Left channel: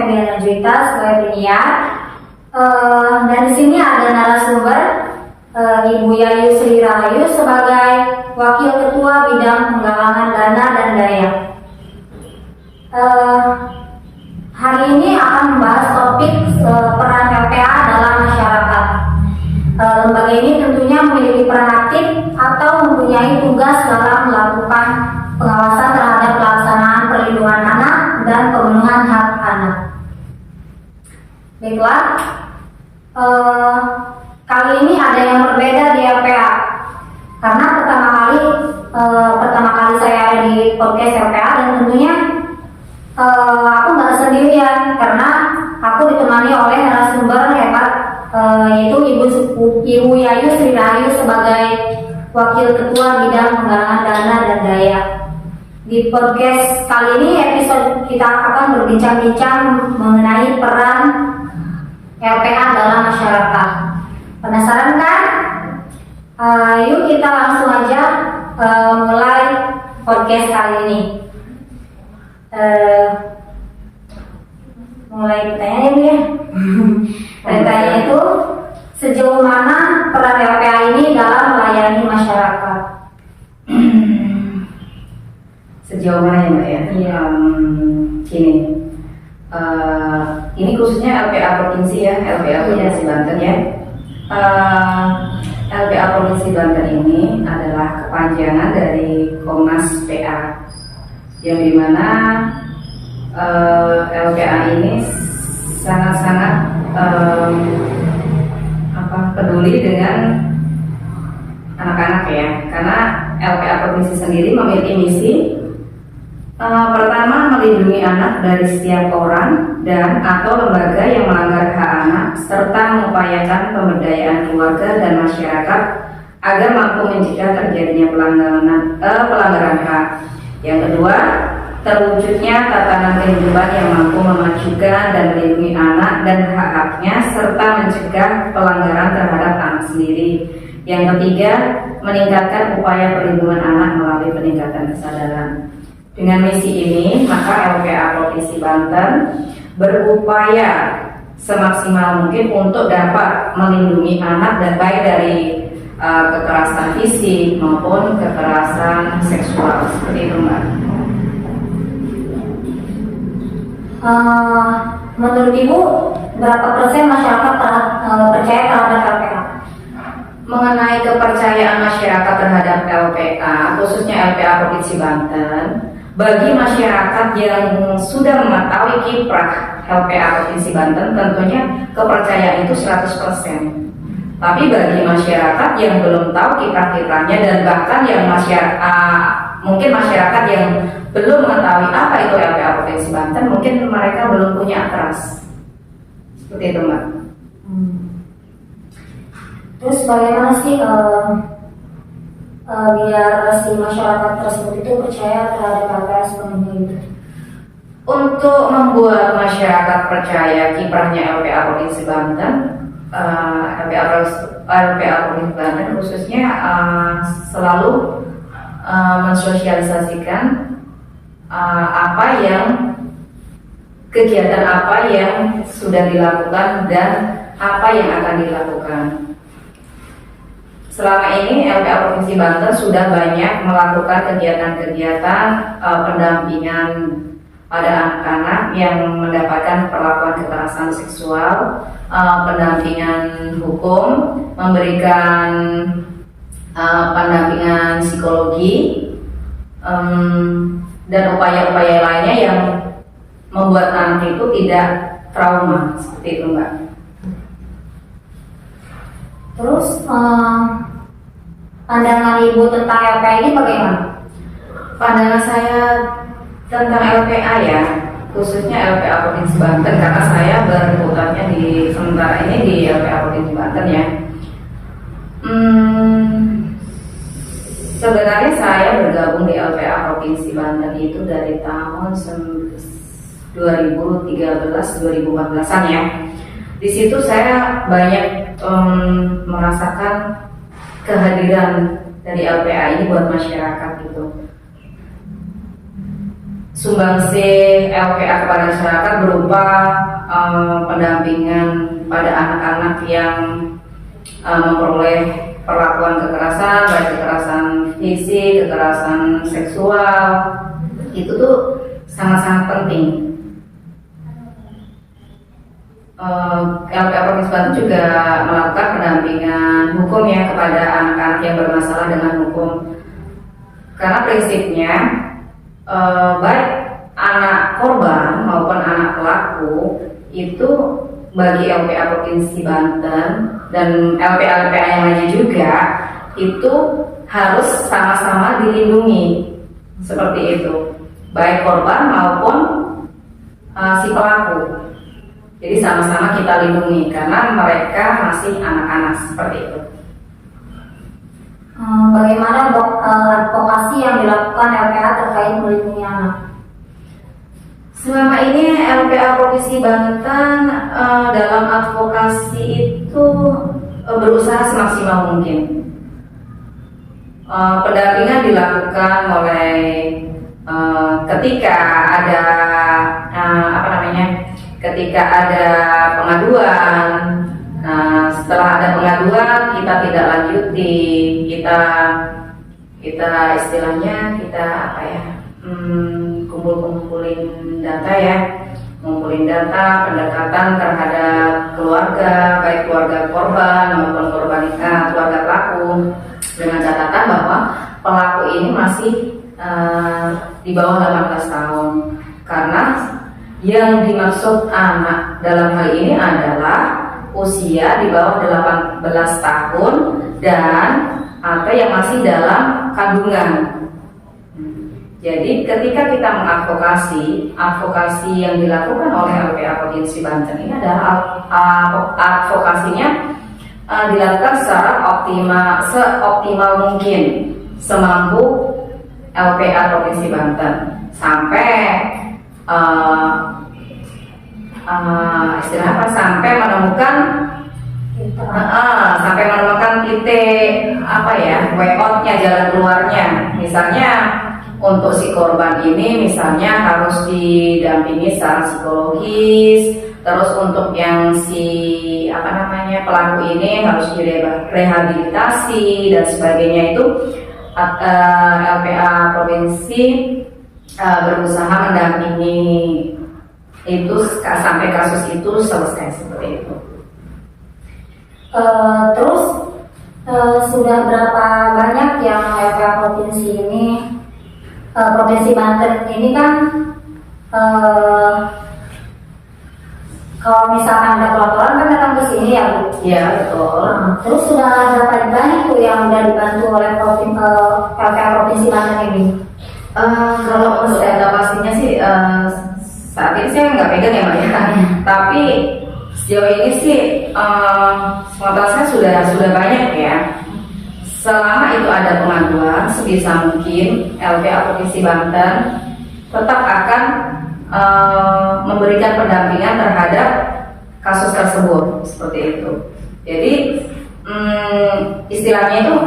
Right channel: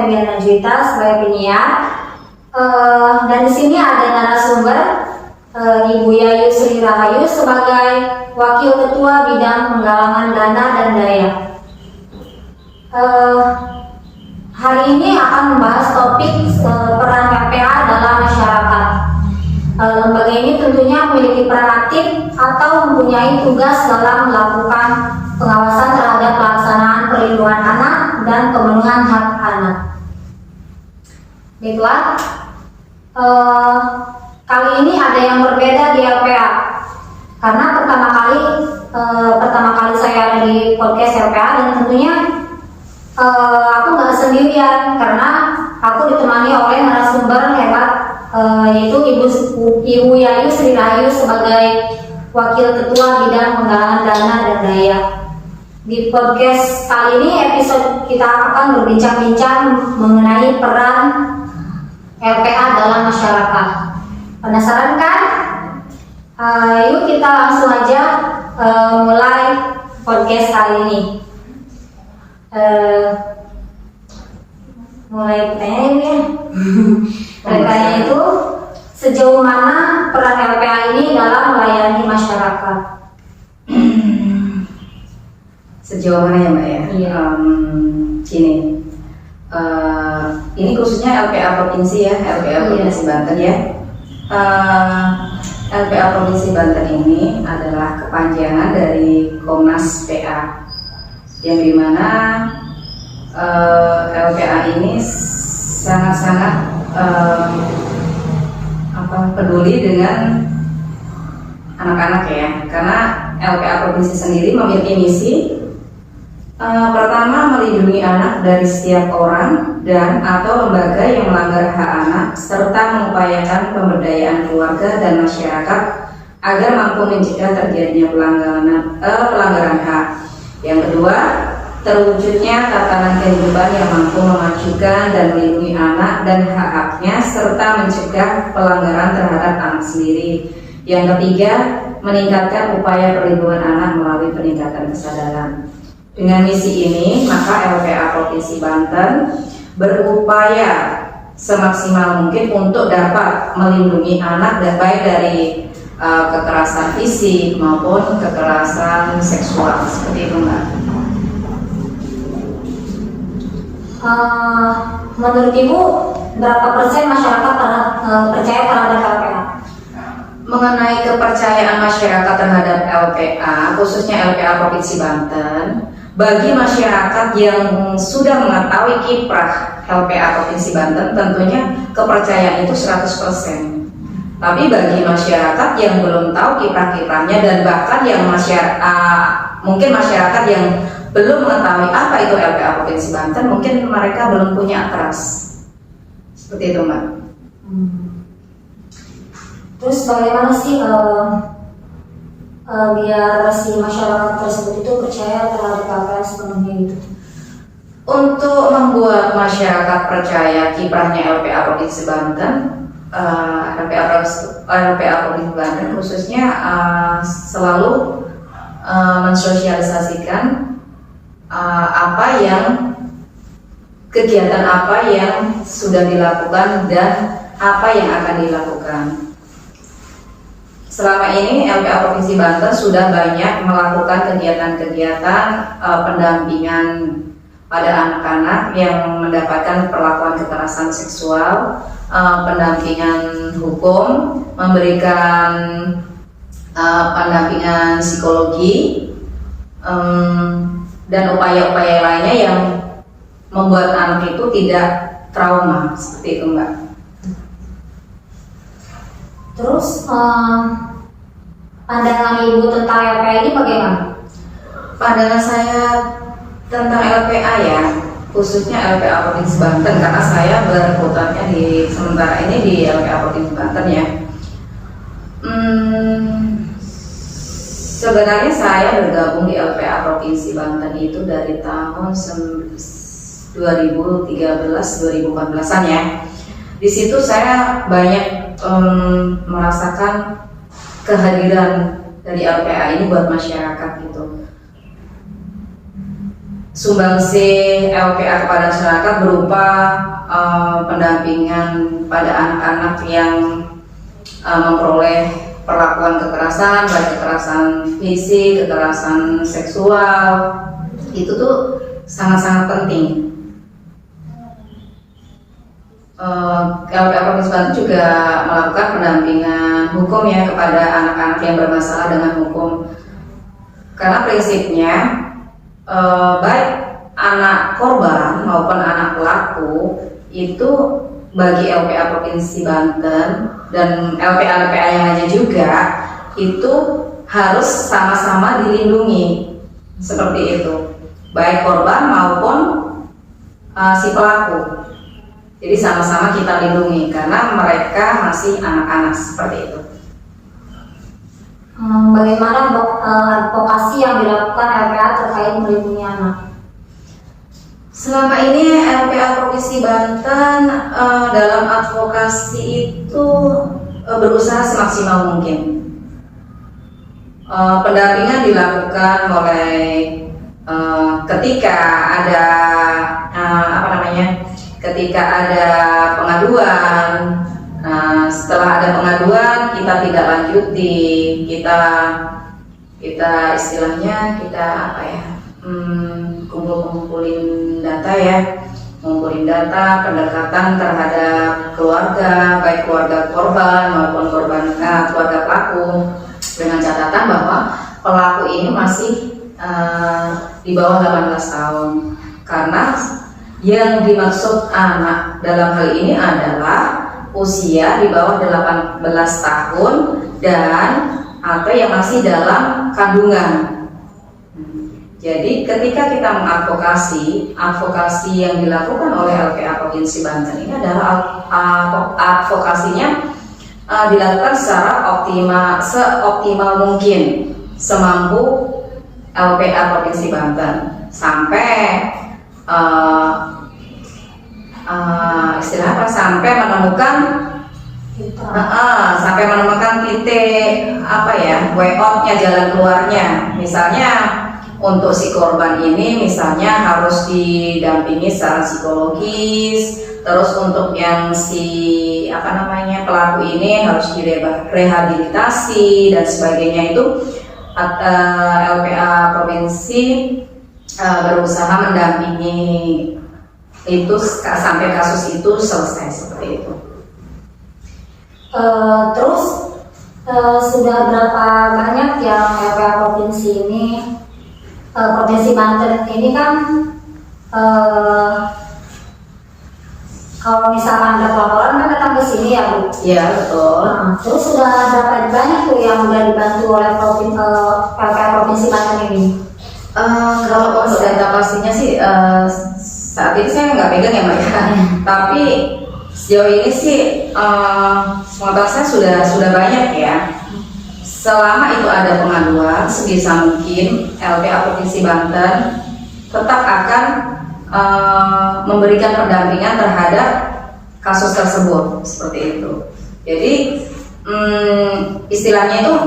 Febriana Juwita sebagai penyiar. Dan di sini ada narasumber Ibu Yayu Sri Rahayu sebagai Wakil Ketua Bidang Penggalangan Dana dan Daya. Hari ini akan membahas topik peran LPA dalam masyarakat. Lembaga ini tentunya memiliki peran aktif atau mempunyai tugas dalam melakukan pengawasan terhadap pelaksanaan perlindungan anak dan pemenuhan hak anak. Baiklah, kali ini ada yang berbeda di LPA karena pertama kali saya ada di podcast LPA, dan tentunya aku nggak sendirian karena aku ditemani oleh narasumber hebat, yaitu Ibu Yayu Sri Rahayu sebagai Wakil Ketua Bidang Penggalangan Dana dan Daya. Di podcast kali ini episode kita akan berbincang-bincang mengenai peran LPA dalam masyarakat. Penasaran kan? Yuk kita langsung aja mulai podcast kali ini. Mulai pertanyaan ya. Pertanyaan itu, sejauh mana peran LPA ini dalam melayani masyarakat? Sejauh mana ya Mbak ya? Iya. Ini khususnya LPA Provinsi ya, LPA Provinsi Banten ya. LPA Provinsi Banten ini adalah kepanjangan dari Komnas PA, yang dimana LPA ini sangat-sangat peduli dengan anak-anak ya, karena LPA Provinsi sendiri memiliki misi pertama, melindungi anak dari setiap orang dan atau lembaga yang melanggar hak anak, serta mengupayakan pemberdayaan keluarga dan masyarakat agar mampu mencegah terjadinya pelanggaran hak. Yang kedua, terwujudnya tatanan kehidupan yang mampu memajukan dan melindungi anak dan hak-haknya, serta mencegah pelanggaran terhadap anak sendiri. Yang ketiga, meningkatkan upaya perlindungan anak melalui peningkatan kesadaran. Dengan misi ini, maka LPA Provinsi Banten berupaya semaksimal mungkin untuk dapat melindungi anak, dan baik dari kekerasan fisik maupun kekerasan seksual, seperti itu Mbak. Menurut Ibu, berapa persen masyarakat percaya terhadap LPA? Mengenai kepercayaan masyarakat terhadap LPA, khususnya LPA Provinsi Banten, bagi masyarakat yang sudah mengetahui kiprah LPA Provinsi Banten, tentunya kepercayaan itu 100%. Tapi bagi masyarakat yang belum tahu kiprah-kiprahnya, dan bahkan yang mungkin masyarakat yang belum mengetahui apa itu LPA Provinsi Banten, mungkin mereka belum punya trust. Seperti itu Mbak. Terus bagaimana sih biar si masyarakat tersebut itu percaya terhadap LPA sepenuhnya gitu? Untuk membuat masyarakat percaya kiprahnya LPA Provinsi Banten, LPA Provinsi Banten khususnya selalu mensosialisasikan kegiatan apa yang sudah dilakukan dan apa yang akan dilakukan. Selama ini LPA Provinsi Banten sudah banyak melakukan kegiatan-kegiatan pendampingan pada anak-anak yang mendapatkan perlakuan kekerasan seksual, pendampingan hukum, memberikan pendampingan psikologi, dan upaya-upaya lainnya yang membuat anak itu tidak trauma, seperti itu Mbak. Terus pandangan Ibu tentang LPA ini bagaimana? Pandangan saya tentang LPA ya, khususnya LPA Provinsi Banten, karena saya berkutatnya di sementara ini di LPA Provinsi Banten ya. Sebenarnya saya bergabung di LPA Provinsi Banten itu dari tahun 2013-2014an ya. Di situ saya banyak merasakan kehadiran dari LPA ini buat masyarakat gitu. Sumbangsi LPA kepada masyarakat berupa pendampingan pada anak-anak yang memperoleh perlakuan kekerasan, baik kekerasan fisik, kekerasan seksual, itu tuh sangat-sangat penting. LPA Provinsi Banten juga melakukan pendampingan hukum ya kepada anak-anak yang bermasalah dengan hukum, karena prinsipnya baik anak korban maupun anak pelaku itu bagi LPA Provinsi Banten dan LPA-LPA yang lainnya juga itu harus sama-sama dilindungi seperti itu, baik korban maupun si pelaku. Jadi sama-sama kita lindungi karena mereka masih anak-anak seperti itu. Bagaimana advokasi yang dilakukan LPA terkait melindungi anak? Selama ini LPA Provinsi Banten dalam advokasi itu berusaha semaksimal mungkin. Pendampingan dilakukan mulai ketika ada ketika ada pengaduan. Setelah ada pengaduan kita tidak lanjuti, kita istilahnya kumpulin data ya, ngumpulin data pendekatan terhadap keluarga, baik keluarga korban maupun keluarga pelaku, dengan catatan bahwa pelaku ini masih di bawah 18 tahun, karena yang dimaksud anak dalam hal ini adalah usia di bawah 18 tahun dan atau yang masih dalam kandungan. Jadi ketika kita mengadvokasi, advokasi yang dilakukan oleh LPA Provinsi Banten ini adalah advokasinya dilakukan secara seoptimal mungkin, semampu LPA Provinsi Banten sampai sampai menemukan titik way out-nya, jalan keluarnya. Misalnya untuk si korban ini misalnya harus didampingi secara psikologis, terus untuk yang si pelaku ini harus direhabilitasi dan sebagainya. Itu LPA Provinsi berusaha mendampingi itu sampai kasus itu selesai seperti itu. Terus sudah berapa banyak yang LPA Provinsi ini, Provinsi Banten ini kan kalau misalkan ada pelaporan kan datang ke sini ya Bu? Iya betul. Terus sudah berapa banyak tuh yang sudah dibantu oleh LPA Provinsi Banten ini? Kalau untuk data pastinya sih saat ini saya nggak pegang ya Mbak ya. Tapi sejauh ini sih pengetahuan saya sudah banyak ya. Selama itu ada pengaduan, sebisa mungkin LPA Provinsi Banten tetap akan memberikan pendampingan terhadap kasus tersebut seperti itu. Jadi istilahnya itu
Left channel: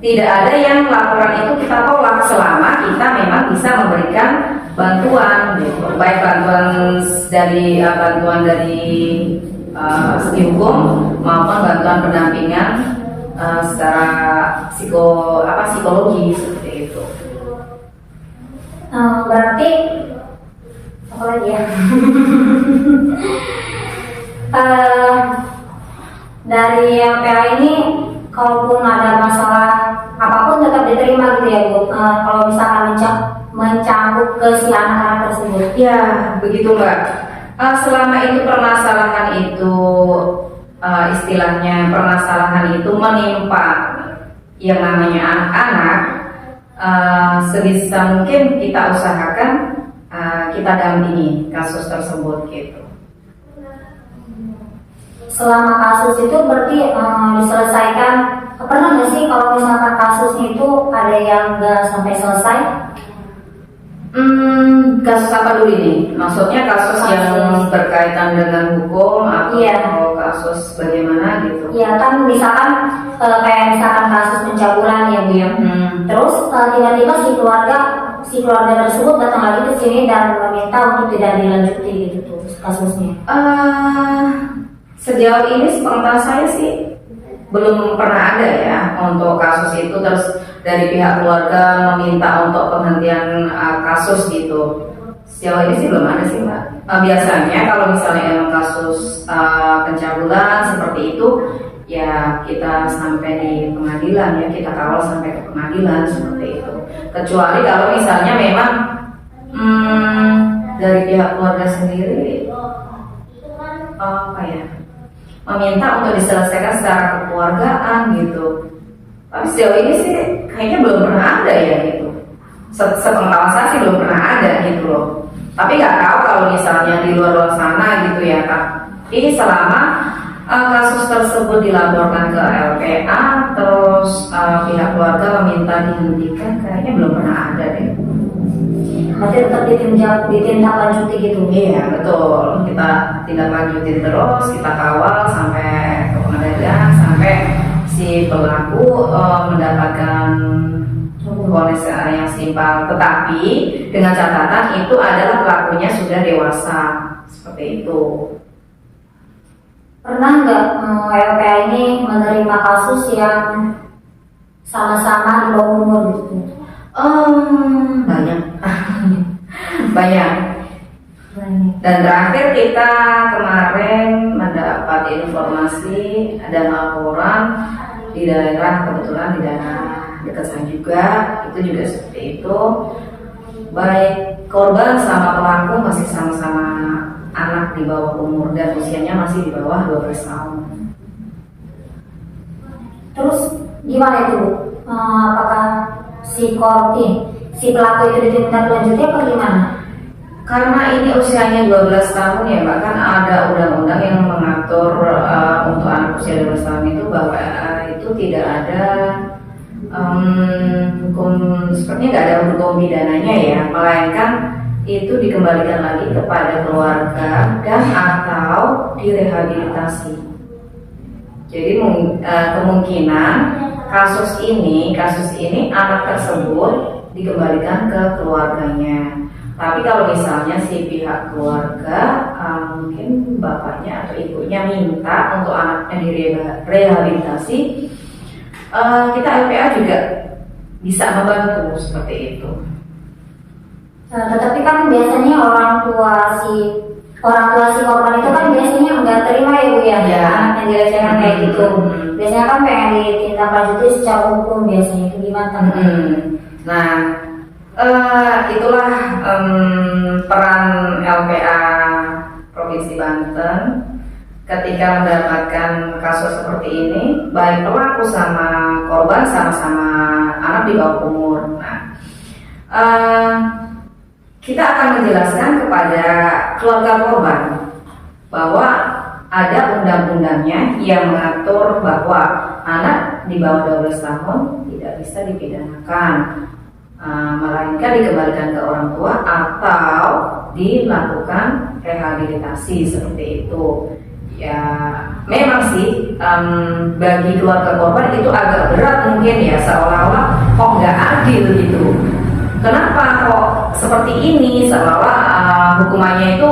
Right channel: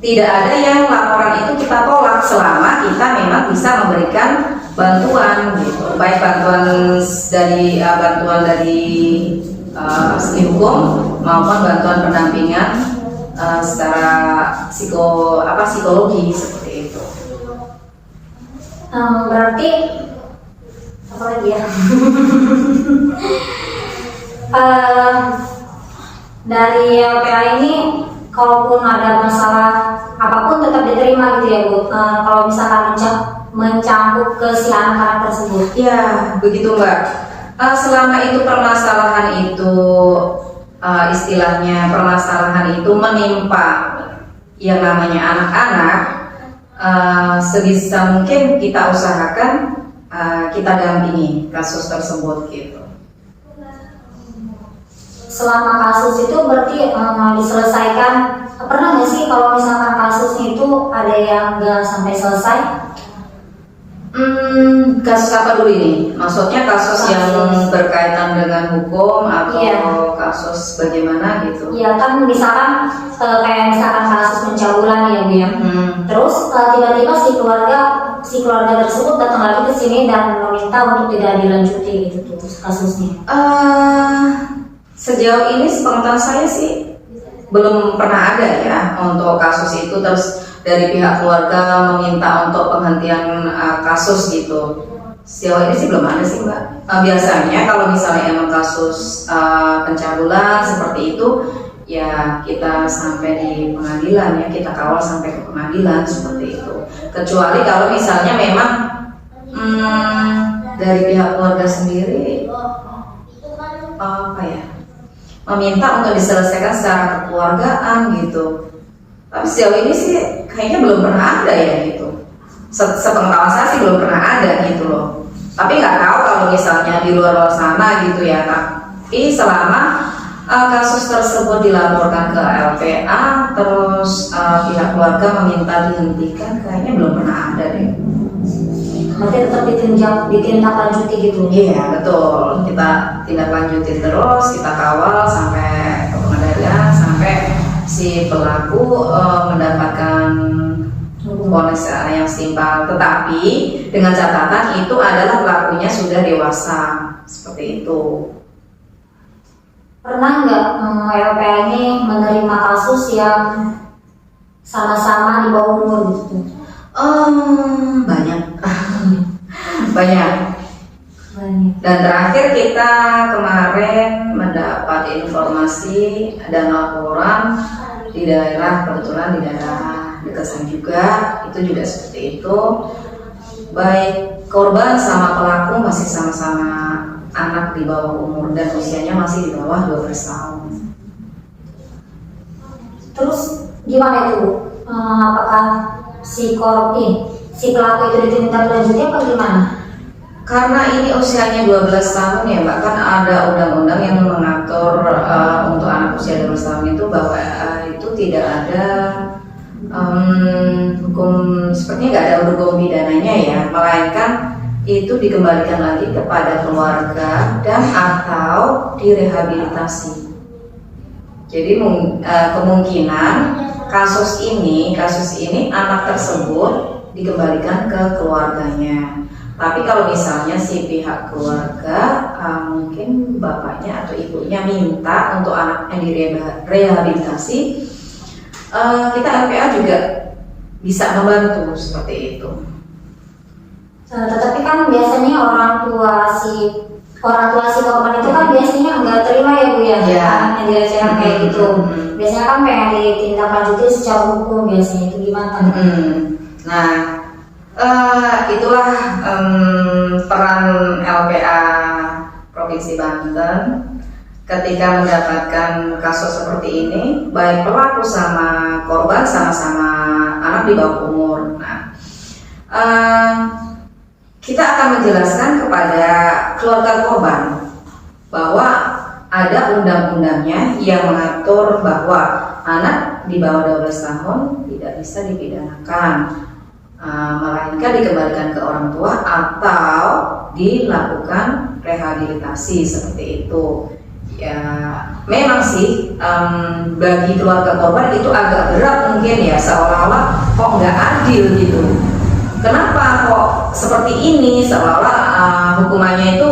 tidak ada yang laporan itu kita tolak selama kita memang bisa memberikan bantuan gitu, baik bantuan dari hukum maupun bantuan pendampingan secara psikologi seperti itu. Berarti apa lagi ya? Dari LPA ini kalaupun ada masalah apapun tetap diterima gitu ya Bu, kalau misalkan mencakup ke si anak-anak tersebut. Ya begitu Mbak. Selama itu permasalahan itu istilahnya permasalahan itu menimpa yang namanya anak-anak, sebisa mungkin kita usahakan kita dampingi kasus tersebut gitu. Selama kasus itu berarti diselesaikan, pernah nggak sih kalau misalkan kasusnya itu ada yang nggak sampai selesai? Kasus apa dulu ini? Maksudnya kasus yang berkaitan dengan hukum atau kasus bagaimana gitu? Iya kan, misalkan kayak misalkan kasus pencabulan ya Bu ya. Terus tiba-tiba si keluarga si keluarga tersebut datang lagi ke sini dan meminta untuk tidak dilanjuti gitu tuh kasusnya? Sejauh ini sepengetahuan saya sih belum pernah ada ya untuk kasus itu terus dari pihak keluarga meminta untuk penghentian kasus gitu. Sejauh ini sih belum ada sih Mbak. Biasanya kalau misalnya emang kasus pencabulan seperti itu ya kita sampai di pengadilan ya, kita kawal sampai ke pengadilan seperti itu. Kecuali kalau misalnya memang dari pihak keluarga sendiri apa ya, meminta untuk diselesaikan secara kekeluargaan gitu. Tapi sejauh ini sih kayaknya belum pernah ada ya gitu. Sepengetahuan saya sih belum pernah ada gitu loh. Tapi nggak tahu kalau misalnya di luar sana gitu ya. Tapi selama kasus tersebut dilaporkan ke LPA, terus pihak keluarga meminta dihentikan, kayaknya belum pernah ada deh. Berarti tetap ditindaklanjuti gitu? Iya betul, kita tindak lanjutin terus, kita kawal sampai ke pengadilan, sampai si pelaku mendapatkan vonis yang setimpal. Tetapi dengan catatan itu adalah pelakunya sudah dewasa, seperti itu. Pernah nggak LPA ini menerima kasus yang sama-sama di bawah umur gitu? Banyak. Banyak. Dan terakhir kita kemarin mendapat informasi ada laporan di daerah, kebetulan di daerah dekat sana juga, itu juga seperti itu. Baik korban sama pelaku masih sama-sama anak di bawah umur dan usianya masih di bawah 12 tahun. Terus gimana itu Bu? Apakah si pelaku itu ditindaklanjuti apa gimana? Karena ini usianya 12 tahun ya Mbak, kan ada undang-undang yang mengatur untuk anak usia 12 tahun itu bahwa itu tidak ada hukum, sepertinya nggak ada hukum pidananya ya, melainkan itu dikembalikan lagi kepada keluarga dan atau direhabilitasi. Jadi kemungkinan kasus ini anak tersebut dikembalikan ke keluarganya. Tapi kalau misalnya si pihak keluarga mungkin bapaknya atau ibunya minta untuk anaknya direhabilitasi, kita LPA juga bisa membantu seperti itu. Tetapi kan biasanya orang tua si korban itu kan biasanya nggak terima ya Bu ya, anaknya dilecehkan kayak gitu. Biasanya kan pengen ditindaklanjuti secara hukum biasanya, itu gimana? Nah, itulah peran LPA Provinsi Banten ketika mendapatkan kasus seperti ini, baik pelaku sama korban sama-sama anak di bawah umur. Nah, kita akan menjelaskan kepada keluarga korban bahwa ada undang-undangnya yang mengatur bahwa anak di bawah 12 tahun tidak bisa dipidanakan, melainkan dikembalikan ke orang tua atau dilakukan rehabilitasi seperti itu. Ya, memang sih bagi keluarga korban itu agak berat mungkin ya, seolah-olah kok nggak adil gitu. Kenapa kok seperti ini, seolah-olah hukumannya itu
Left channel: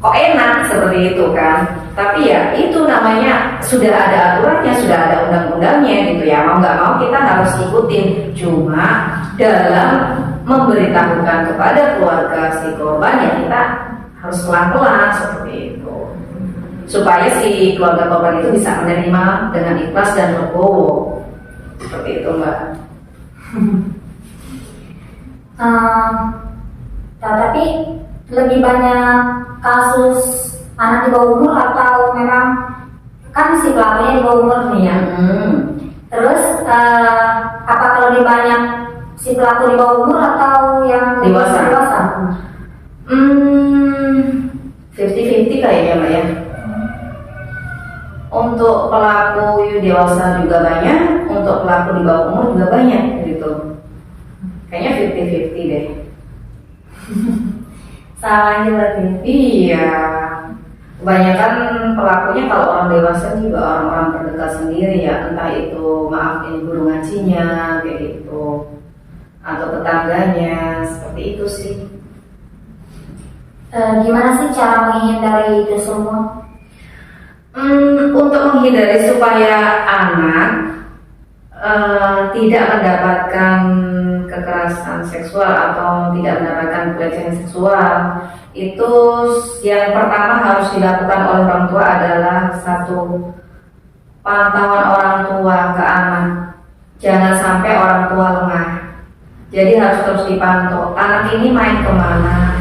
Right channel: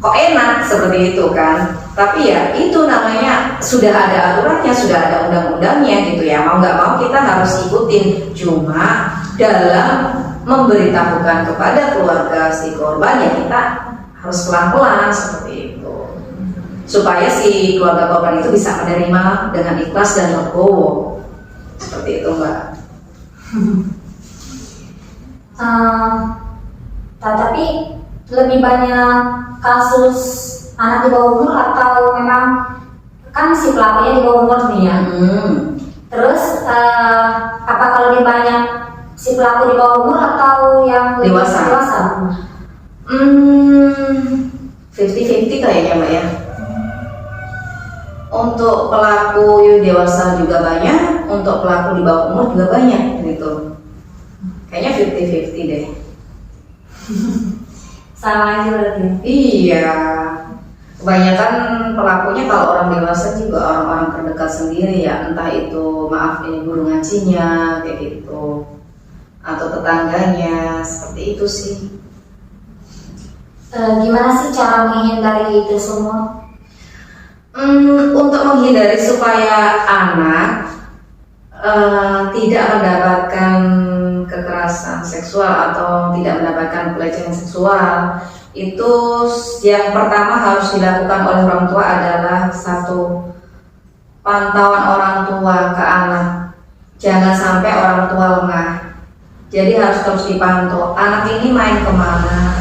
kok enak seperti itu kan. Tapi ya itu namanya sudah ada aturannya, sudah ada undang-undangnya gitu ya. Mau nggak mau kita harus ikutin. Cuma dalam memberitahukan kepada keluarga si korban ya kita harus pelan-pelan seperti itu, supaya si keluarga korban itu bisa menerima dengan ikhlas dan legowo seperti itu Mbak. Tapi lebih banyak kasus anak di bawah umur atau memang kan si pelakunya di bawah umur nih ya? Terus apakah lebih banyak si pelaku di bawah umur atau yang dewasa? 50-50 kayaknya Mbak ya. Untuk pelaku dewasa juga banyak, untuk pelaku di bawah umur juga banyak gitu. Kayaknya 50-50 deh. Sama aja berarti. Iya. Kebanyakan pelakunya kalau orang dewasa juga orang-orang terdekat sendiri ya, entah itu maaf ini guru ngajinya kayak gitu, atau tetangganya, seperti itu sih. Gimana sih cara menghindari itu semua? Untuk menghindari supaya anak tidak mendapatkan kekerasan seksual atau tidak mendapatkan pelecehan seksual, itu yang pertama harus dilakukan oleh orang tua adalah satu, pantauan orang tua ke anak. Jangan sampai orang tua lengah. Jadi harus terus dipantau. Anak ini main kemana,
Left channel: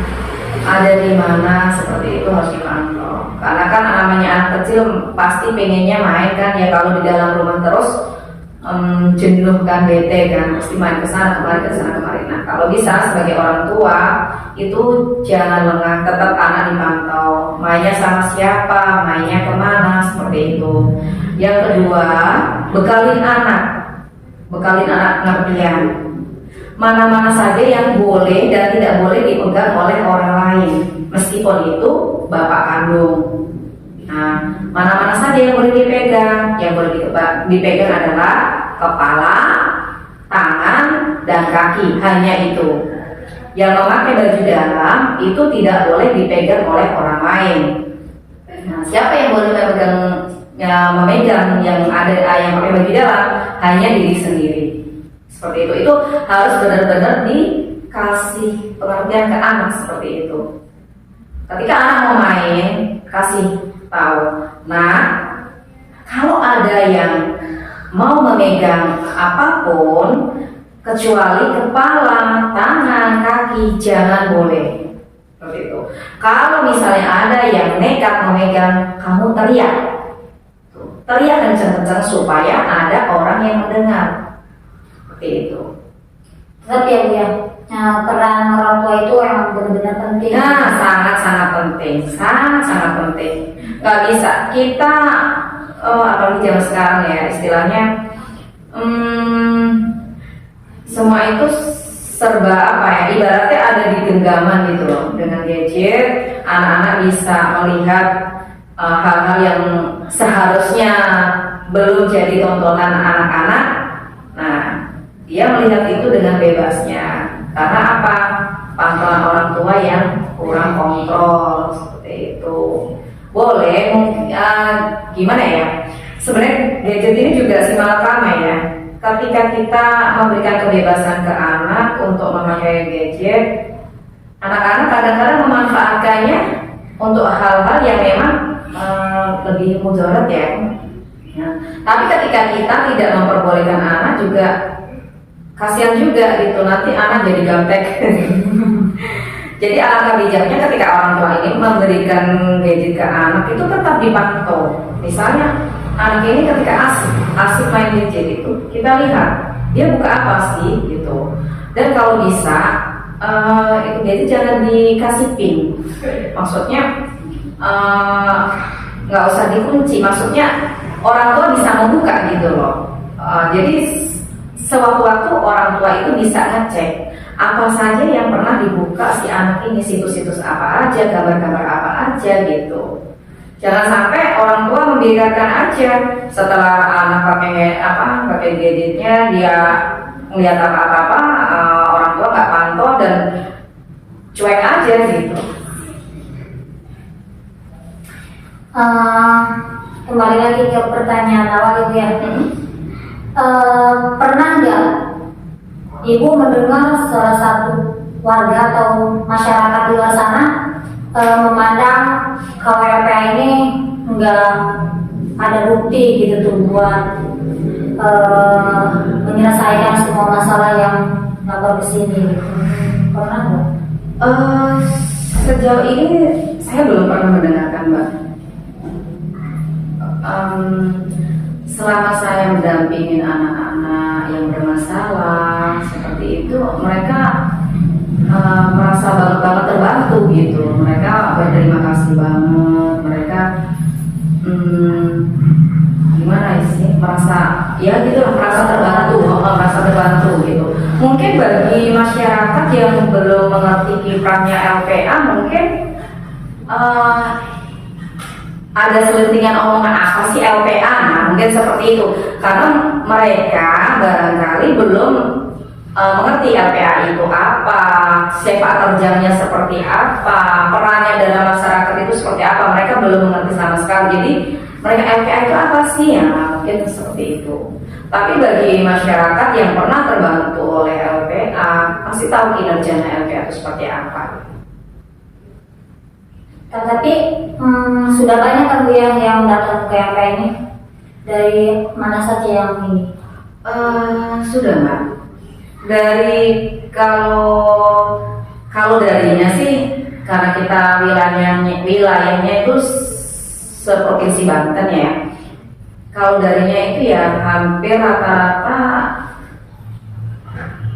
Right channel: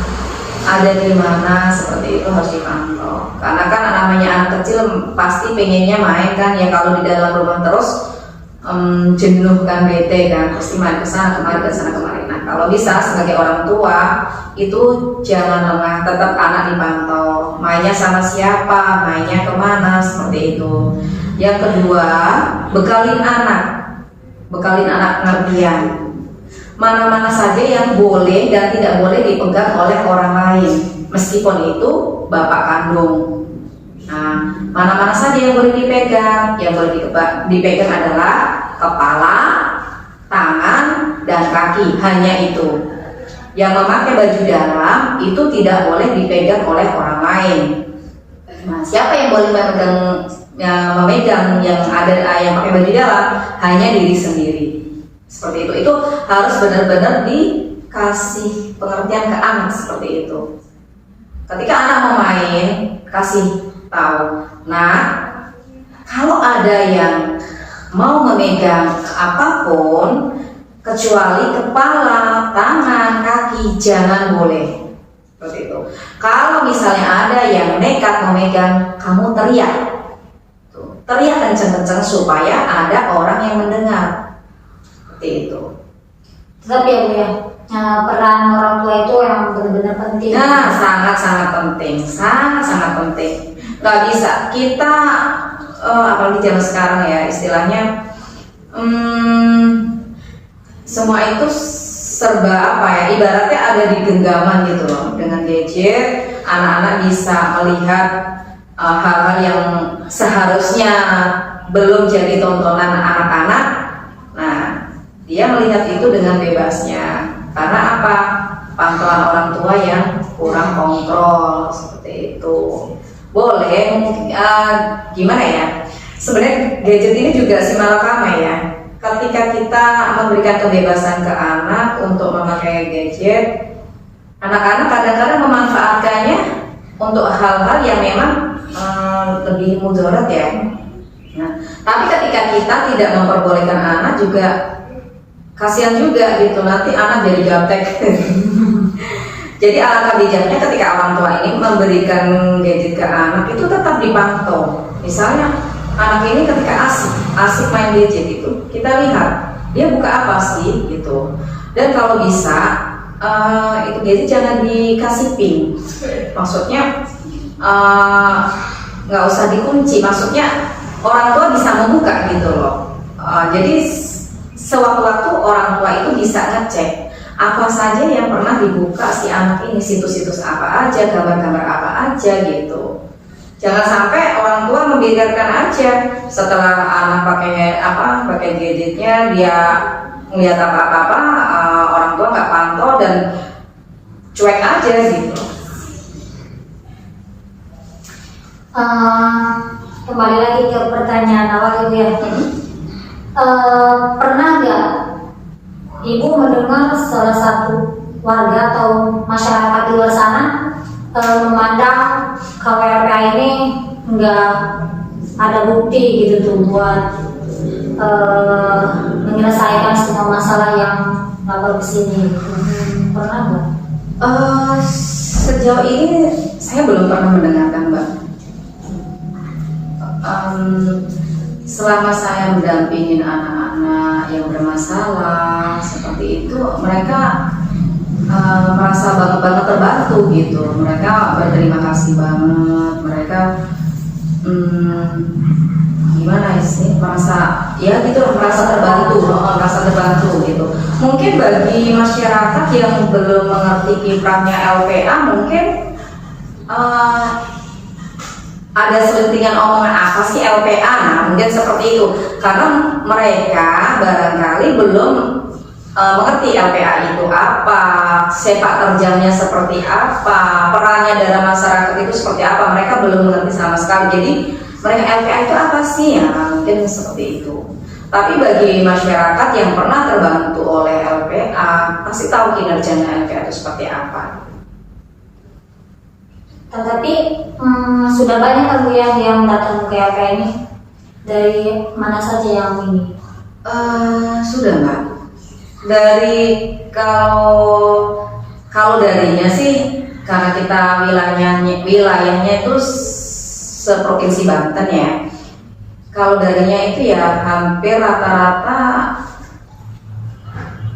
ada di mana, seperti itu harus dipantau. Karena kan namanya anak kecil pasti pengennya main kan ya, kalau di dalam rumah terus jenuh kan, bete kan, pasti main ke sana kemari, ke sana kemari. Nah, kalau bisa sebagai orang tua itu jangan lengah, tetap anak dipantau, mainnya sama siapa, mainnya kemana, seperti itu. Yang kedua, bekalin anak pengertian mana-mana saja yang boleh dan tidak boleh dipegang oleh orang lain, meskipun itu bapak kandung. Nah, mana-mana saja yang boleh dipegang. Yang boleh dipegang adalah kepala, tangan, dan kaki. Hanya itu. Yang memakai baju dalam itu tidak boleh dipegang oleh orang lain. Nah, siapa yang boleh memegang yang pakai baju dalam? Hanya diri sendiri. Seperti itu. Itu harus benar-benar dikasih pengertian ke anak seperti itu. Ketika anak mau main, kasih tahu. Nah, kalau ada yang mau memegang apapun kecuali kepala, tangan, kaki, jangan boleh. Seperti itu. Kalau misalnya ada yang nekat memegang, kamu teriak. Teriak kenceng-kenceng supaya ada orang yang mendengar. Seperti itu. Tetap ya Bu ya, peran orang tua itu yang benar-benar penting. Nah, sangat-sangat penting, sangat-sangat penting. Gak bisa kita apalagi zaman sekarang ya, istilahnya semua itu serba apa ya, ibaratnya ada di genggaman gitu loh. Dengan gadget, anak-anak bisa melihat hal-hal yang seharusnya belum jadi tontonan anak-anak. Nah, dia melihat itu dengan bebasnya. Karena apa? Pantauan orang tua yang kurang kontrol, seperti itu. Boleh, gimana ya? Sebenarnya gadget ini juga simalakama ya. Ketika kita memberikan kebebasan ke anak untuk memakai gadget, anak-anak kadang-kadang memanfaatkannya untuk hal-hal yang memang lebih mudarat ya. Nah, tapi ketika kita tidak memperbolehkan anak juga kasihan juga gitu, nanti anak jadi gaptek. Jadi alangkah bijaknya ketika orang tua ini memberikan gadget ke anak itu tetap dipantau. Misalnya anak ini ketika asik main gadget itu, kita lihat dia buka apa sih gitu. Dan kalau bisa itu gadget jangan dikasih pin. Maksudnya nggak usah dikunci. Maksudnya orang tua bisa membuka gitu loh. Jadi sewaktu-waktu orang tua itu bisa ngecek apa saja yang pernah dibuka si anak ini, situs-situs apa aja, gambar-gambar apa aja gitu. Jangan sampai orang tua membiarkan aja setelah anak pakai gadgetnya, dia melihat apa-apa, orang tua nggak pantau dan cuek aja gitu. Kembali lagi ke pertanyaan awal Ibu ya. Pernah nggak Ibu mendengar salah satu warga atau masyarakat di luar sana memandang KWLPA ini nggak ada bukti gitu tuh buat menyelesaikan semua masalah yang lapor ke sini? Pernah nggak? Sejauh ini saya belum pernah mendengarkan, Mbak. Selama saya mendampingin anak-anak yang bermasalah seperti itu, mereka merasa banget terbantu gitu. Mereka berterima kasih banget. Mereka gimana sih, merasa ya gitu, merasa terbantu gitu. Mungkin bagi masyarakat yang belum mengerti kiprahnya LPA, mungkin ada selentingan omongan apa sih LPA, nah mungkin seperti itu, karena mereka barangkali belum mengerti LPA itu apa, sepak terjangnya seperti apa, perannya dalam masyarakat itu seperti apa. Mereka belum mengerti sama sekali. Jadi mereka LPA itu apa sih ya, mungkin seperti itu. Tapi bagi masyarakat yang pernah terbantu oleh LPA pasti tahu kinerjanya LPA itu seperti apa. Tetapi sudah banyak kan Bu yang datang ke LPA ini, dari mana saja yang ini? Sudah Mbak. Dari kalau darinya sih, karena kita wilayahnya itu seprovinsi Banten ya. Kalau darinya itu ya hampir rata-rata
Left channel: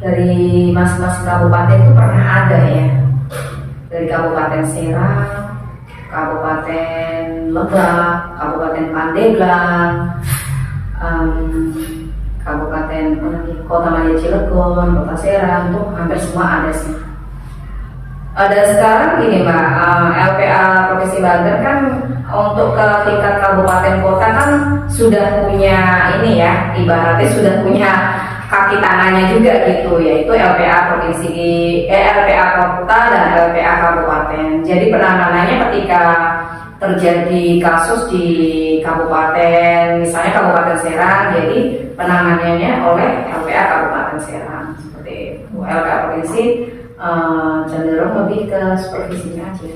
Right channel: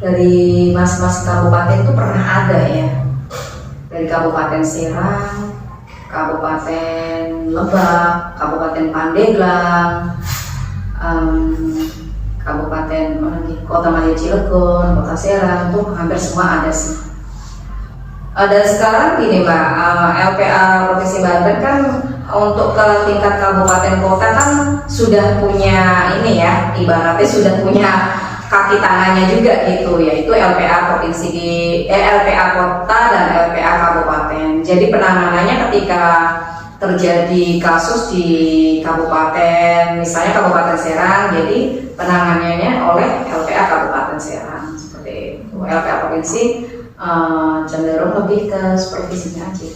dari mas-mas kabupaten itu pernah ada ya. Dari Kabupaten Serang, Kabupaten Lebak, Kabupaten Pandeglang, Kabupaten Kota Madia Cilegon, Kota Serang, tuh hampir semua ada sih. Dan sekarang gini Mbak, LPA Provinsi Banten kan untuk ke tingkat kabupaten kota kan sudah punya ini ya, ibaratnya sudah punya kaki tangannya juga gitu, yaitu LPA LPA kota dan LPA kabupaten. Jadi penanganannya ketika terjadi kasus di kabupaten, misalnya Kabupaten Serang, jadi penanganannya oleh LPA Kabupaten Serang seperti itu. LPA Provinsi cenderung lebih ke supervisinya aja.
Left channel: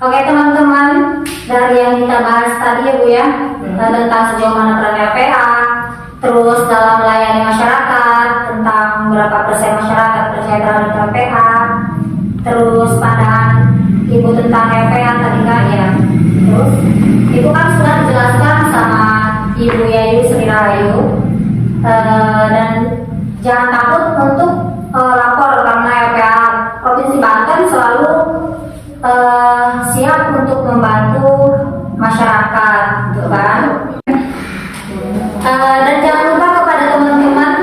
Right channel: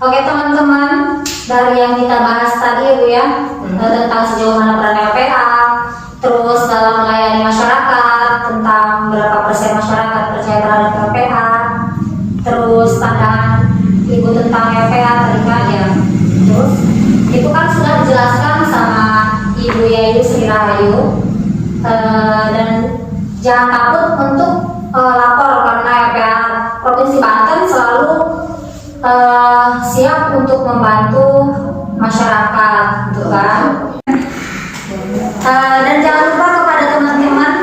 Oke teman-teman, dari yang kita bahas tadi ya Bu ya, tentang sejauh mana peran LPA, terus dalam melayani masyarakat, tentang berapa persen masyarakat percaya terhadap LPA, terus pandangan Ibu tentang LPA tadi kan ya, terus itu kan sudah dijelaskan sama Ibu Yayu Sri Rahayu, dan jangan takut untuk lapor karena LPA Provinsi Banten selalu siap untuk membantu masyarakat, gitu kan? Dan jangan lupa kepada teman-teman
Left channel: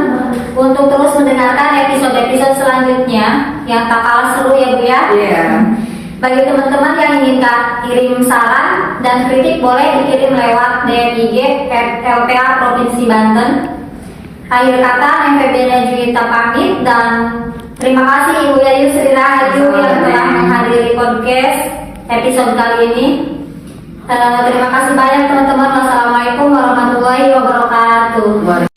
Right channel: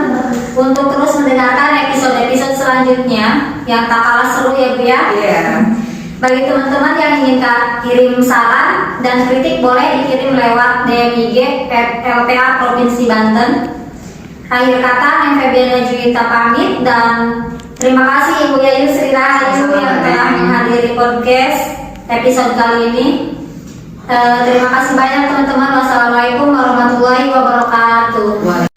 untuk terus mendengarkan episode-episode selanjutnya yang tak kalah seru ya Bu ya. Yeah. Bagi teman-teman yang ingin kirim saran dan kritik boleh dikirim lewat DM IG LPA Provinsi Banten. Akhir kata, Neng Febiana Juwita pamit dan terima kasih Ibu Yayu Sri Rahayu yang telah menghadiri podcast episode kali ini. Terima kasih banyak teman-teman. Wassalamualaikum warahmatullahi wabarakatuh.